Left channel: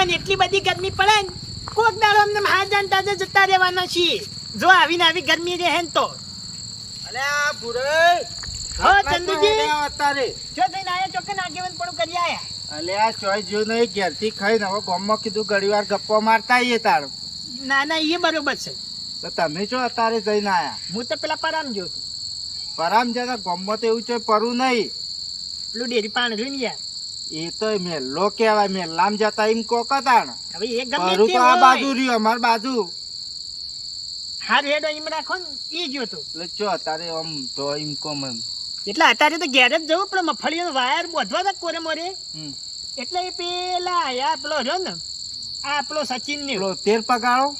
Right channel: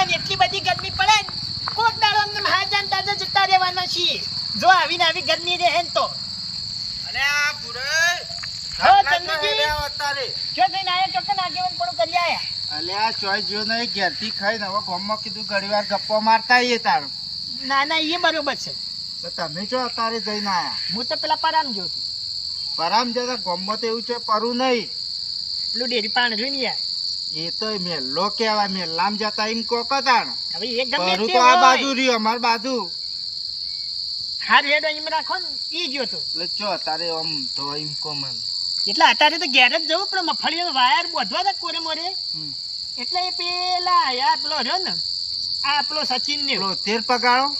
કાકા એટલી બધી ગરમી પડે ને કોક દાડો અમને મહાજાન તાજા જતા રહેવાના છીએ જો આવીને આવી ગરમી રહે ને તો અલે આ ભૂરે હો ચંદુજી અત્યારે જો કઈ આયા ચોક્કન આગેવાન પણ કરી આયા અલે આ સોય જો નહીં ઘેરથી ખાઈને હવે ગામમાં કીધું ઘડીવાર ગપ્પો મારતા આવીએ તાર ના ના એ બરોબર છે તો તમે જો અત્યારે જઈને આયા હું તો પેલા પરામ જો તું પરામ જતા ગામમાં તો એવું છે પરું નહીં પેલું ડેરી પાણ જોઈને યાર એ તો મેલ્લો કહેવાય મેલ્લામ જતા એમ કોકતાણ હવે એ ગમે પરું તે તો આ હોય. બાજુ રહ્યું અમાર બાજુ હા રેડ એમ રાખો ને ઈ જો તો એટલે ચો અત્યારે આમ તો એમ કોમન એટલે અત્યારે તો ઘેર જ જવું પણ મફળીનો વાયર બોધવા હતા કોરે મોરે એટલે એ પેલા યાર પેલો રહ્યો ને આ પેલો સચિન ને પેલો 13 પગાળો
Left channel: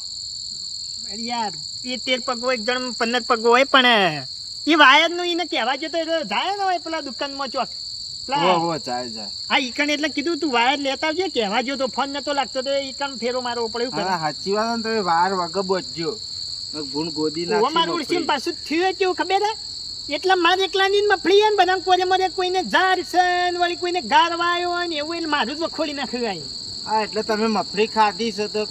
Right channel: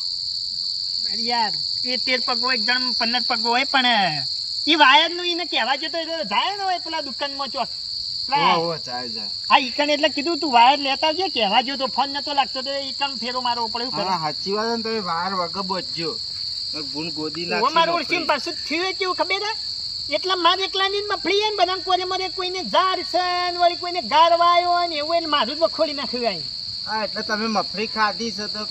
યાર એ 13 પગો એક જણ 15 પગો હોય પણ એ વાયર નું એને કહેવા જતો જાય ને હોય પેલા દુકાનમાં ચોક ઓ જાય હા ઈકણ એટલે કીધું તું વાયર લેતા આવજે કહેવા જો તો ફોન નતો લાગતો તો ઈકણ ફેરો મારવો પડ્યો હા સાચી વાત ને તમે વાર વગર બોજજો ગુણ ગોદી નાખી મારું ઓળખી પાછું થયું કેવું ખબર હે એટલે મારે એકલાની મફળી ને બધા કોરે મોરે કોઈને ઝાર છે વળી કોઈને ગારવાયો ને એવું એટલે મારું જ વખોડી નાખ્યું હા એટલે તમે મફળી ખાધી છે તો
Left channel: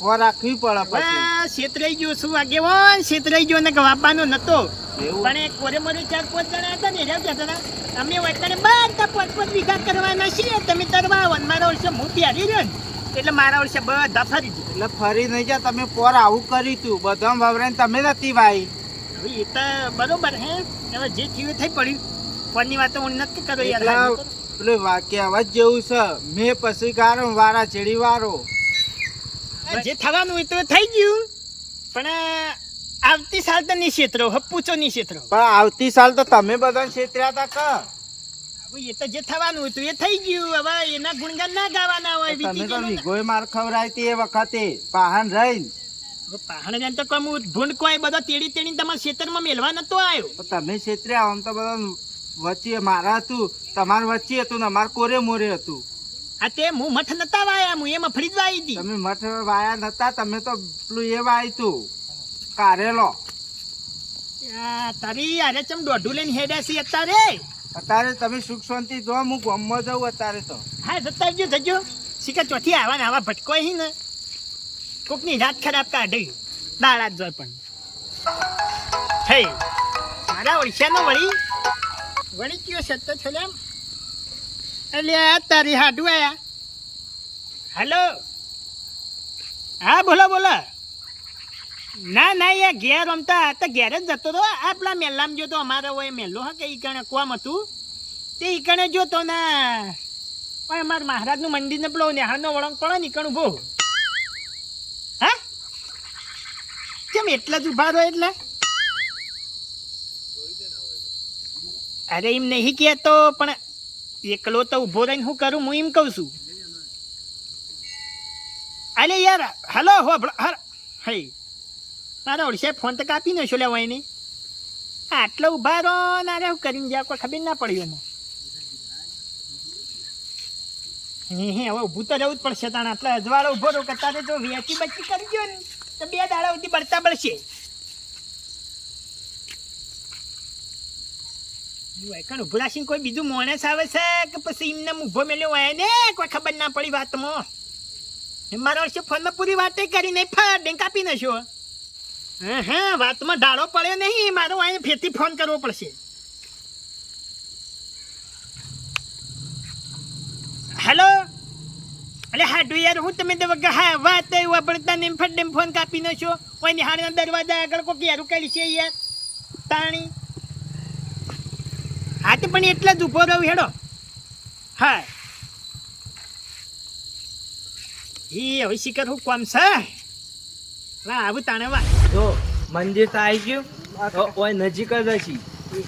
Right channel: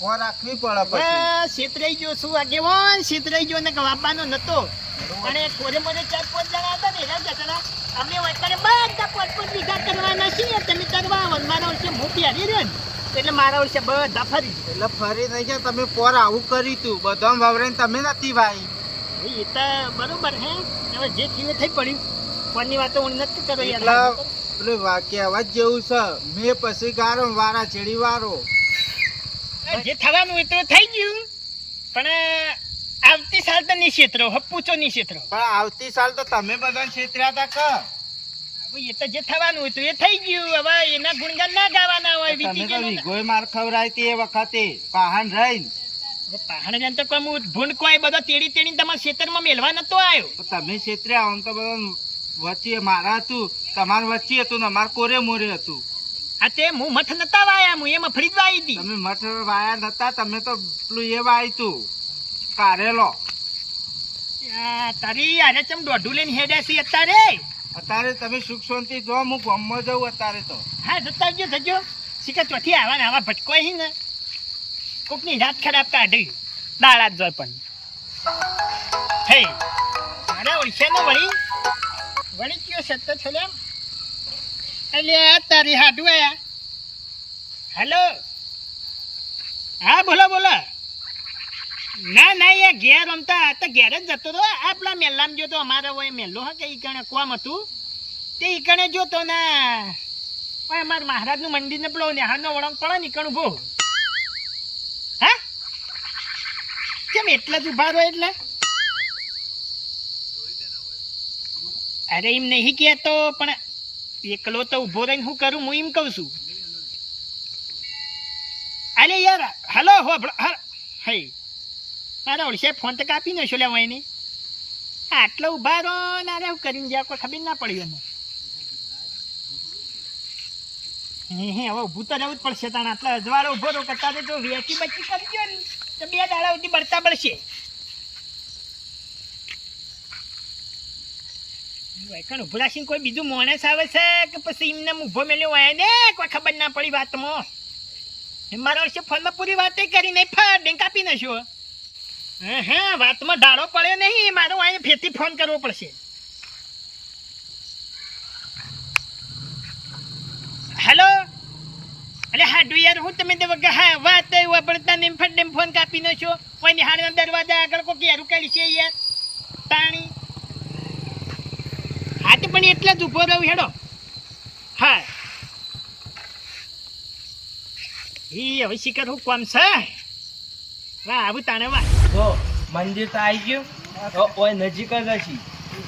ખોર રાખવી પડે પછી બસ છેતરાઈ ગયો શું આગેવાન છેતરાઈ ગયો ને વાપવાનો નતો એવું પણ એ કોરે મોરે 4-5 જણા હતા ને એના જતા અમે વતને બધા 5-5 વીઘા કરવાના છીએ તમે તરવા આવો મારા વર્ષે હું પ્યારી રહ્યો ને એટલે મારા વર્ષે બધા ફરી ગયું એટલે ફરી નહીં જા તમે પોર આવું કરી તું બધા વાવરે તમે નથી ભાઈ એ તો બરોબર હે હવે જે થયું થઈ પડ્યું કોની વાતો હું નથી કરો યાર એટલે પેલું કહેવત જેવું છે મેં પછી ગારો વારા ચેડી વારો જે થવાનું હોય તો થઈ ગયું પણ આવતી સાલ તો નહીં છેતરો હપ્પુચો નહીં છેતરો પણ આવતી સાલ તો તમે બધા છેતર્યા હતા હવે એ તો જે થવાનું હોય તો એ થઈ ગયું હવે એના ગુણગાન ના ગાવાના હોય તમે વીતી તો ગયેલું ને. વિગોય માર ખવરાયતી એ વખતે પહાણ રહીને હવે પહાડ જાન તો કમ ભૂંડ કોઈ બધો તેડી તેડી તમારા ખેતરમાં મેલવા નતો આવ્યો તો તમે છેતર્યા આમ તો બધા વચ્ચે મારા હતું તમાર વચ્ચે હતું ને અમાર કોરે મોરે હતું આ તે હું મઠ નતા વાયા હું એમાં ફરી જ વાઈ હતી તમે મઠ વાયા નતા તમે તો પેલું એ વાય તું કારેલો તારી આરે ચમ દોઢું લઈને હેડ્યા છે અત્યારે અત્યારે તમે સુખ શાંતિ જો હું ગામમાં જઉં અત્યારે તો હા જતા આવજો જજો શીખર ચોથી આવા ને આવા ભટકોય હી ને કોકની રાત ખરાબ કાઢી દાડા જ જોય પણ હે મારા ઓળખ્યાનો વળી કયો સત્તો છો એમ એટલે તારી હાડું આયા હેલો હા બોલો બોલો ના ના યાર ઘેર રમતા તો ઘેર જ જતો હતો આ પેલા મેલ્લામાં જોતો અમારે હોય મેલ્લો હા કે ઈકણે કોમ હતું તે ઈકણે જોતો ના ઓય અમાર મહારાજનું મંદિર ને પેલો નેહાનો વળંગ પડે ને ઈકણ ઉભો હા કેમ એટલા જ ઉભા રહો એટલે અરે એમ નહીં કહેતો પણ એકલો તો ઉભો રહીને હું કરું હું એમ કહું છું અરે યાર હલો હો હે મારા ઓળશે ફોન તો કાપી ન છો લેવાય ને આટલો ઉભા રહો ને અરે હું કરીને જાય કોઈ ખબર ના પડી એમાં હે હવે ઊભું તો રહેવું જ પડશે તાણ આટલા અજવાળો ઉભો રહો કરતા તો વેચી બચી કરી ગયો ને તો 2 દાડા સુધી બળતા બળશે કણ ઉભું રાખીને કોઈ બીજું માણસ આવે છે કે પછી એમને ઊભો મેલ્યો હોય ને કોઈ ખબર ના પડી વાતમાં મારા વર્ષે ફોનમાં પૂરી વાતે કરી નહીં ફાડ કાપી નાખ્યો હા વાતમાં ડાળો પડ્યો નહીં મારો અહીંયા ફેરથી ફોન કરવો પડશે હેલો અરે હાડુ યાર હું તમે તો વગર હા વાત વાપરતા ને ફટ ફોન કાપી નાખ્યો કોઈ નિહાળના દરવાજા આગળ કોઈ યારું કાઢી છે યાર તાણી હા તો પણ એટલા જ ઉભો રહ્યો હેડો હા એ હવે શિખર હું કોમ છે વાહ આવું તાણે વાહ જો મંદિર તો આવી ગયું તો ઓય નજીક જ હશે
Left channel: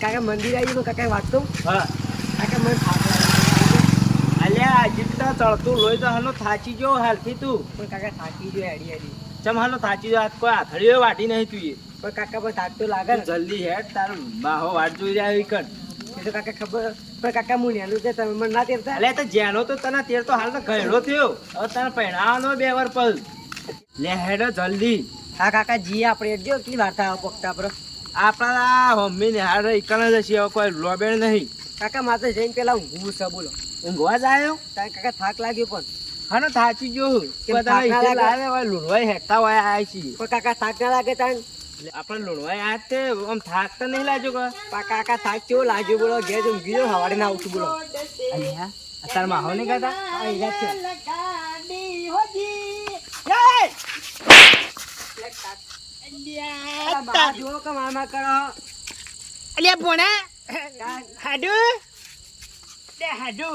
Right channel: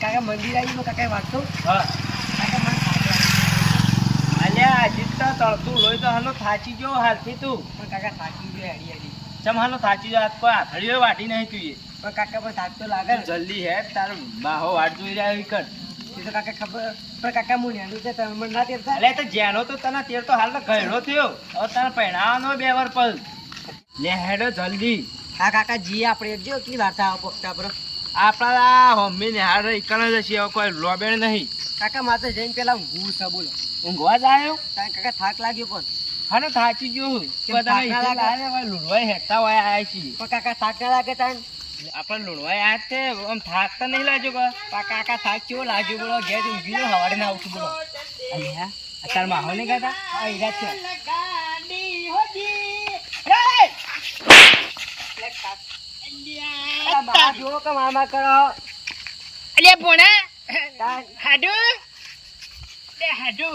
કાકા મંદિર આવી ગયું કાકા વાત તો હા કાકા મને થાક અલ્યા હજી તો ચડતું લોહી તો હાલો થાચી ગયો હાલથી તું પણ કાકા થાકી ગયો હેડી હેડી ચમ હાલો થાચી ગયો આજ કોઈ આથડીઓ વાટી નહીં તું એ પણ કાકા પણ થાક તો લાગે તું જલ્દી હેડ તારો બાહો વાટ જોઈ રહ્યા એવી કર એ તો કાકા ખબર પણ કાકા હું નેલું છે તમે મને ના તેરતા અલ્યા તો જેનો તો તને તેર તો હાલ તો ઘયડો થયો હવે તને પહેણાવાનો 2 વાર પલ લે હેડો જલ્દી હા કાકા જી આપણે જો કી વાર્તા આવો પકતા પર આપણા મમ્મી ને હાર ઈકણ જ હશે હવે કોઈ લોબેણ નહીં કાકા માથે જઈને પેલા ઊંઘું છે બોલો ઊંઘવા જ આવ્યો તારે કાકા થાક લાગ્યો પણ હા ને થાચી ગયો કેમ તમે થાક ના ઈચ્છા લાગે? લાવે લુણવાઈ હેઠતા હોય આયા છીએ પણ કાકા થાક ના લાગે તાન? આપણે લુણવાઈ આયા તે આમ થાક તો નહીં લાગ્યો કે પણ કાકા થાક કેવો લાગ્યો બોલો? ઘેર ઊંઘી જાઉં, હવારે ના ઉઠું બોલો. અહીંયા અત્યારે માહો નહીં ખાતા હા, ઈ રાત છે. અલા, બહાર જુઓ કે મામા કરો. અલ્યા ભોણા તાન, હાડુ લે હાડુ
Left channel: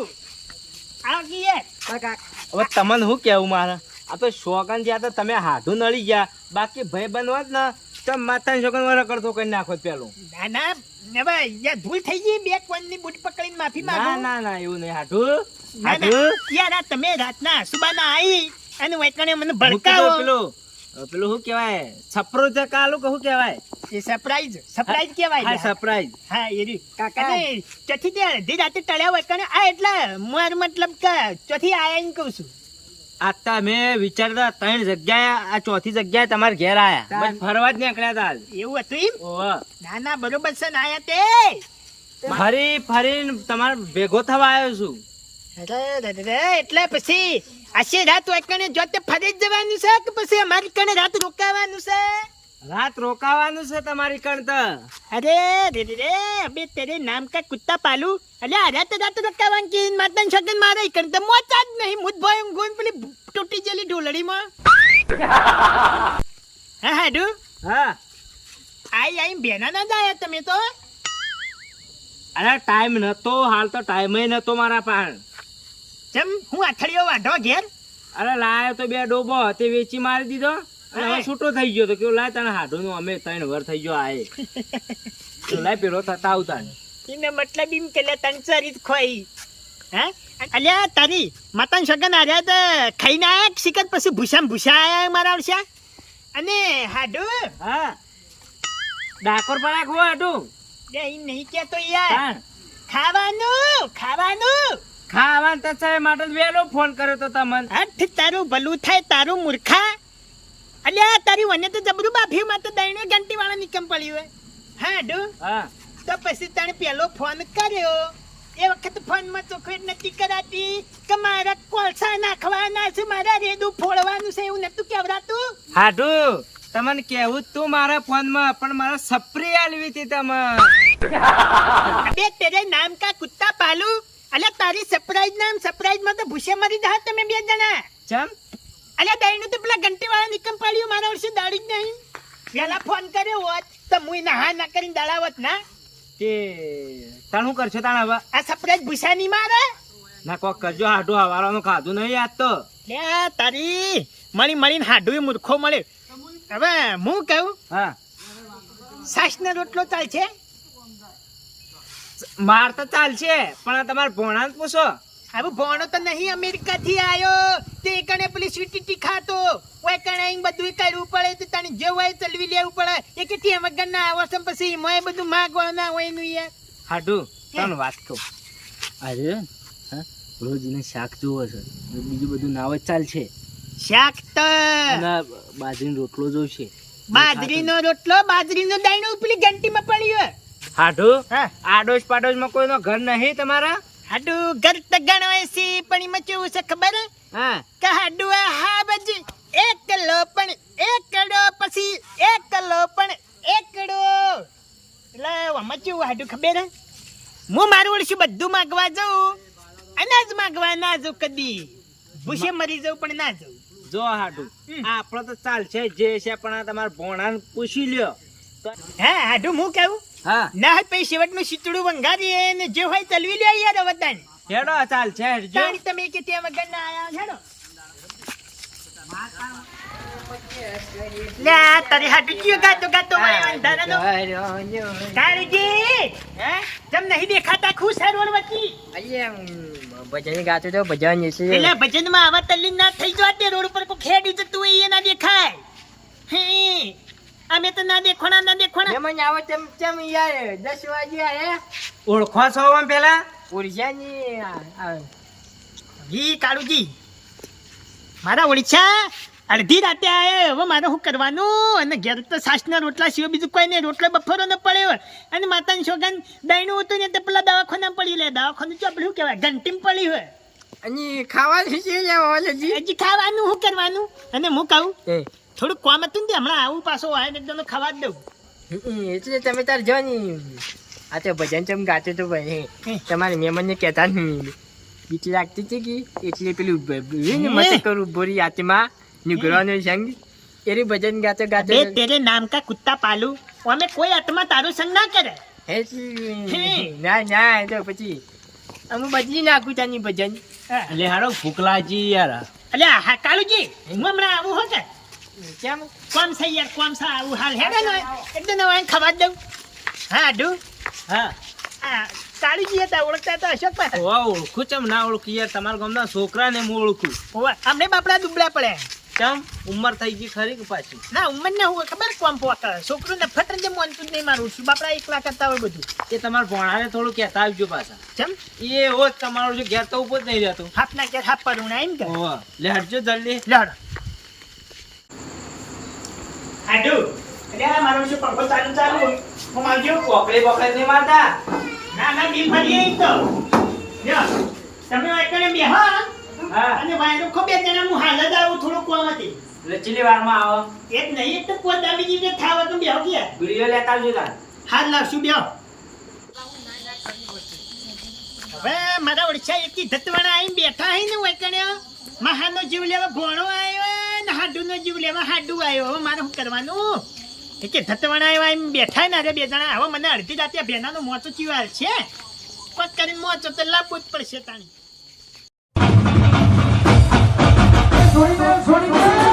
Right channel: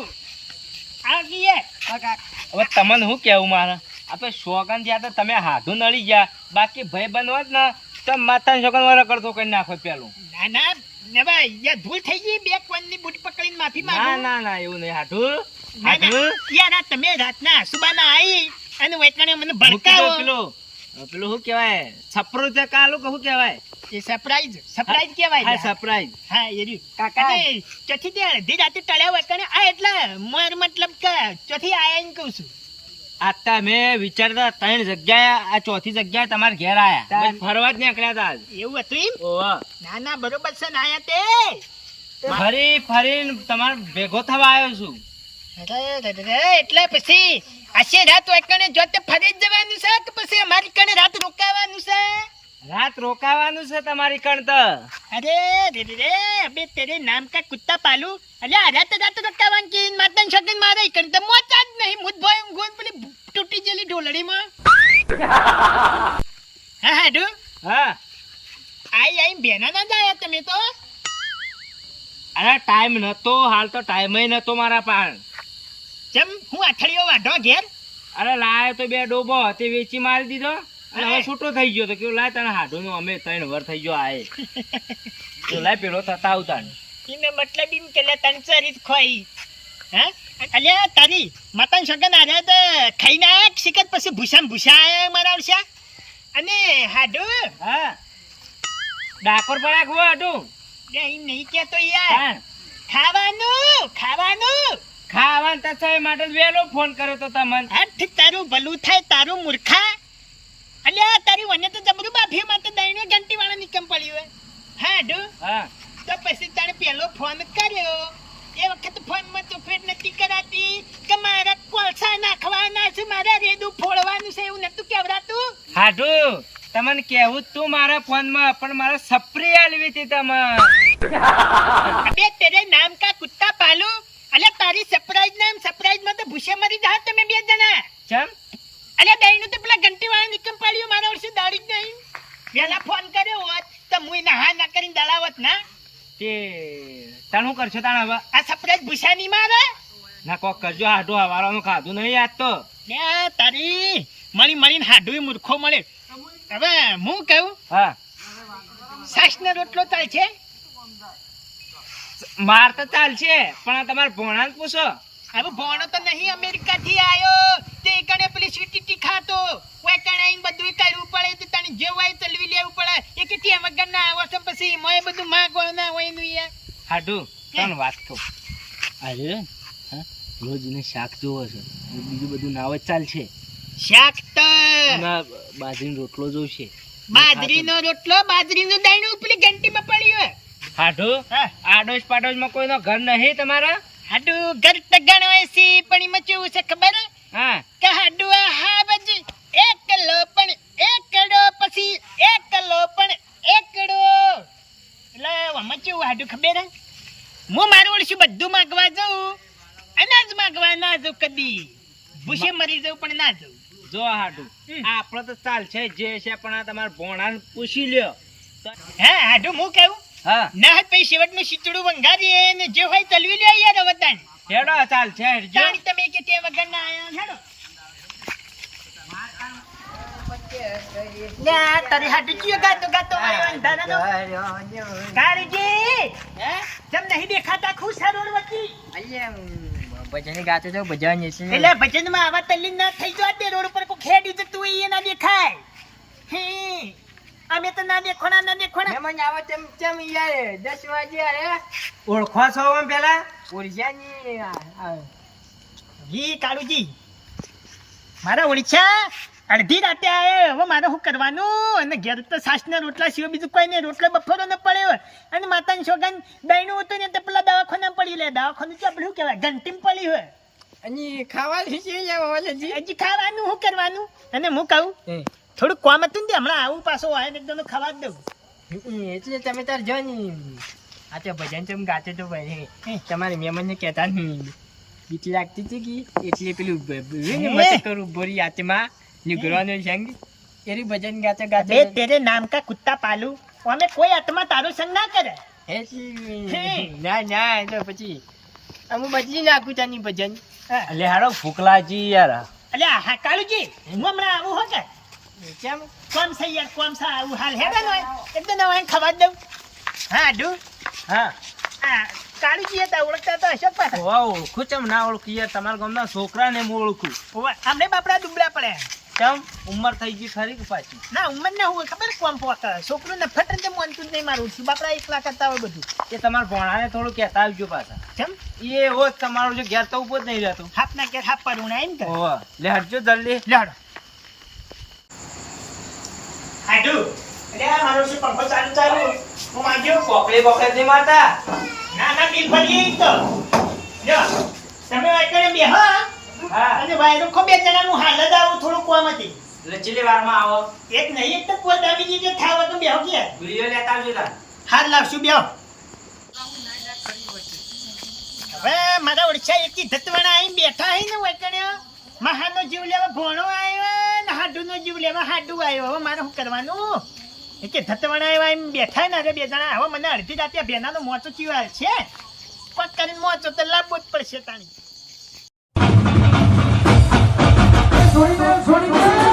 આવ ગીએ કાકા, હવે તમને શું કેવું મારે આ તો શોગન જ્યાં તો તમે હાથું નળી ગયા બાકી ભાઈ બંધ હોત ને તો માતાની શોગન વાળો કરતો કરી નાખો પેલું ના ના ને ભાઈ યાર ભૂલ થઈ ગઈ બે કોણની બૂટ પકડીને માફી ના માંગુ ના ના એવું નહીં હાથું ના, ના. હાથું યાર આ તમે રાતના સુબાના આવી અને વૈકણે મને મૂકી દો ભડકાવો પેલું પેલું શું કહેવાય છપરો છે કાલું કે શું કહેવાય એ સરપ્રાઈઝ કહેવાય હા યાર. સરપ્રાઈઝ હા એ રહ્યું. કાકા. અને ચોથી દે અડધી રાતે ટળ્યા વૈકણે આ એટલા મોર મતલબ કે ચોથી આયા એમ કહું છું આતા મેં વિચારતા 3 જગ્યાએ આ ચોથી જગ્યાએ તમારે ઘેર આયા તાન. બસ ફરવા જ નીકળ્યા હતા આજ. એવું હતું એમ ઓહો. ના ના બરોબર છે ને આયા તે ફરીને તમારે ભેગો થવા આવ્યો છું એટલે પછી આશે રાત વૈકણે જોતે ફરી જ જવાનું છે કે પછી અમારી કણે રાત રોકાવાનું છે રાત રોકાવાનું છે તમારી કણ તો અરે રે રે રે અબે તેરે નામ કા કુત્તા પાલू અલે આ રાત રોકાવાનું કે માતન સગન મારે કણ તો મોતા જ નહીં મુદ ભાઈ ઊંઘોન પેલી તૂટી જેલી ઢોલડીમાં હા હાડુ હા આઈ બેના ના જાય તમે તો અરે ટાઈમ નતો હાલ તો ટાઈમ નતો મારા પાણ જેમ હું અઠડિયો વાઢો ઘેર અરે લાયો તો 2 ડોબો તે વેચી મારી દીધો અને હવે છૂટો થઈ ગયો તો કેવું લાય તને હાડું નું અમે 3 વર થઈ ગયો આએ તો લાય પેલો થતા આવતા એને મતલબ એમ કે લે તન સરી જ ખોઈ હા અલ્યા તારી માતન સગન આર્યા તો ખાઈ ના શિકત પછી ભૂસા આયા મારા આવશે અને હાડુ હા ડાકોર પડા ખો હાડું લે ઈ નહીં કેતો યાર ખાવાનું ખાવાનું તો સાહેબ માટે જ વહેલો ફોન કર્યો તો તમને હઠ તારું ભલું થાય તારું મૂર્ખા અલ્યા તારી વને તો જબરું બાફી માં તો દઈને ઘંટી વાળા નિકમ પડ્યું હોય હા ડુ હા તો પછી તને પેલો ફોન કર્યો એ વખત ફોન માં ચોખવેટ નથી કરાતી કે મારા કોલસા નાખવાના છે મારા રેડું ફોડવાનું છે એવું નતું કેવડાતું હાડું તમને કેવું જ તું મારા ફોન માં પણ મારા સપરી આલવી હતી તમે અબે તેરે નામ કા કુત્તા પાલુ અલ્યા તારી સરપ્રાઈઝ માં તો ભૂસે મરી જા તમે બે જણા ચમ અલ્યા દઈનું તો પેલા ઘંટી વાળા નિકમ પડ્યું મારા વર્ષે દાડી જ નહીં પેલા ફોન કર્યો હોત તો મુઈ ના કરીને દળાવત ના તે તાણ શું કરશો તાણ હવે આ સરપ્રાઈઝ ભૂસા ની મારે ના કોક કરજો હાડું હવારવાનું ખાધું નહીં આજ તો લે તારી મળીને હાડું મૂર્ખો મળે હવે હું કહું હા સાસ ને રોટલો ચાલશે માર તો ચાલશે પણ આ તમારા ભોણાને પૂછો હવે ભણો તો નહીં અમેરિકા થી આયો તે કણે પેલી સ્વીટી ખાતો ઓય કણે આઈને બધું કરવું પડે તો તને જે હોય ચલવી લેવું પડે એ કેટલી વગર ના આવશે પછી મોય બધું માગવા ના હોય નું યાર હાડું તને વાત કહું અરે હા રોજ ને શાક જોવો છે બીજું બધું નાવ જ ચાલશે શાક તો અને બાજરીનો રોટલો જોશે બાજરીનો દાણો પેલી ઘંટીમાં પડ્યો હાડું હા આડોશ પાડોશમાં કોઈનો ઘર નહીં તમારા હાડુ ઘર તો ગણવાય છે પણ એમાં કેવું છે ખબર હા કે હાડુ હા બજી એકલો પણ એકડો પછી એકલો પણ એકડો એટલે આમાં કેવું હાડુ ખબર હું મારું વર્ષે બધું માગવા જાઉં અનાજ માગવા ના જાઉં કદી ભૂસે મરી જાઉં પણ ના જાઉં જો હાડું આપણો તો ચાલશે જે છે પણ આ તમારા ભોણાને પૂછી લ્યો હા હાડુ હું કેવું હા ના હાથ પછી શેવટનું શીતળું વંગારીએ ને જે હોય ચલવી લે યાર વતન હેડો ચાલશે હેડજો તાણી તમે કે તે વગર ના આયા હેડો લે આ તારી હાડુ કયો ગાતો વળી અંધારાનો કાળજી હે જમ નહીં દેખાતા ખુશ હે રોડ વચ્ચી ભજન ગાતું તો ભજન છે. એટલે ભજનમાં આવા તલ્લીન ના થઈ જો તે રોડ ઉપર કોઈ ખેડી જતું હોય એ ના દેખાય હે અમે તો ના દેખોણા મહેમાન આવો ચમ યાર 10 વાગે અરે ઓળખો છો આમ પેલા ઉર્જાની જી કાળુજી મારા ઓળખ્યા અડધી રાતે આયા હવે મારે શું કરવાનું અને ઘેર તો સાસના રોટલા સિવાય બીજું કોઈ નહીં રોટલો બફરો ન પડ્યો અને માતાની સોગન દહીંનું હતું ને તે પેલા દવાખાના પડી લે દવાખાનું તો આપણે શું કહેવાય ઘંટીમાં પડી હોય અને ખાવાનું છે લેવા વાલાજી હજી ખાવાનું શું કરવાનું અને હું કહું એ થોડું કોમ હતું ને તે હમણાં આવું પાછો આવે ને એકદમ ખાવા જ દઉં એટલે તમે તાર જો ને આ તો ભજન ચમ ગાતો તો ભાઈ તમારે મહેમાનને કહેતા નહીં બીક લાગતી હતી કે એટલે પેલું મત કરું બોરી આત્મા નિગરવાનો સંગ એરી ભજન ગાતો ગાતો બે તેરે નામ કા કુત્તા પાલું અમે કોઈ આત્મા તારો સંગ ના કરે ના ના એ તો પછી અમે બદલી નાખું તાની ભજન એટલે હારો ફૂકલાજી યાર અલ્યા હા કાળુજી હું હમણાં આવું હો કે કેમ કોમ છે યાર કોમ છે આવું હાલ હેડે નો એકદમ નવા ખબર દઉં હા ડુ હા આ કાળુજી હતા ઓળખતા તો અશોક પાસે ઓ ઓળખું ચમ ના ઓળખું યાર તમારા ગામના છોકરાને હું ઓળખું અમને બાપડા દુબળા પડ્યા ચમ ઉંમર થઈ ગઈ ખરી કે પાછી ના ઉંમર ના હોય ખબર કોમ પોતા છોકરું ને ફટ જ મોનતું જ નહીં મારું છું બાપડા એકલા કરતા હોય બધું એ તમારા ભણાને થોડું કહેતા આવજો પાછા કેમ એ હોત તમારું જો ઘેર તો ઉભો જ નહીં રહેતું હાથ ના કે હાથ પર ઉણા એમ કે ઓહો લે હટજો જલ્દી લડ હાડુ અલ્યા મારો શું પંખો ચાલુ હું માંગ્યો પોકડે પોકડે નહીં મારતા ના ના બિલ ભરીએ ઈ તો જો તમે વાયકરે બેહો હા અને વાયરો ખો બે જણા હું હાલ જ આવું થોડું કોમ હતી એટલે ચીલી વારમાં આવો એક નહીં એક તો કોઈ દાબી દીધે થાવ તો બેહો કે ગુરીઓ લેતા આવજો તાન હાલ લાવશું બેહો હવે મારા ઓળખ્યા એકી ધતવાણા આવીને બેઠા હઈ ને વાયકણે મહાનો જીવ લેવા ભોણો આવ્યો ને હાડુનો જીવ લેવા હાડુ આવ્યો હવે મારે શું કરવાનું એકે ધતવાણા આવ્યા એમ બેઠા ને અરે બે જણા હવે મને અડધી રાતે ભેનાનો મોચો ચીવાલ છે પટ કરીને મોચો તો લાવવો જ પડશે તાણી છોડી દે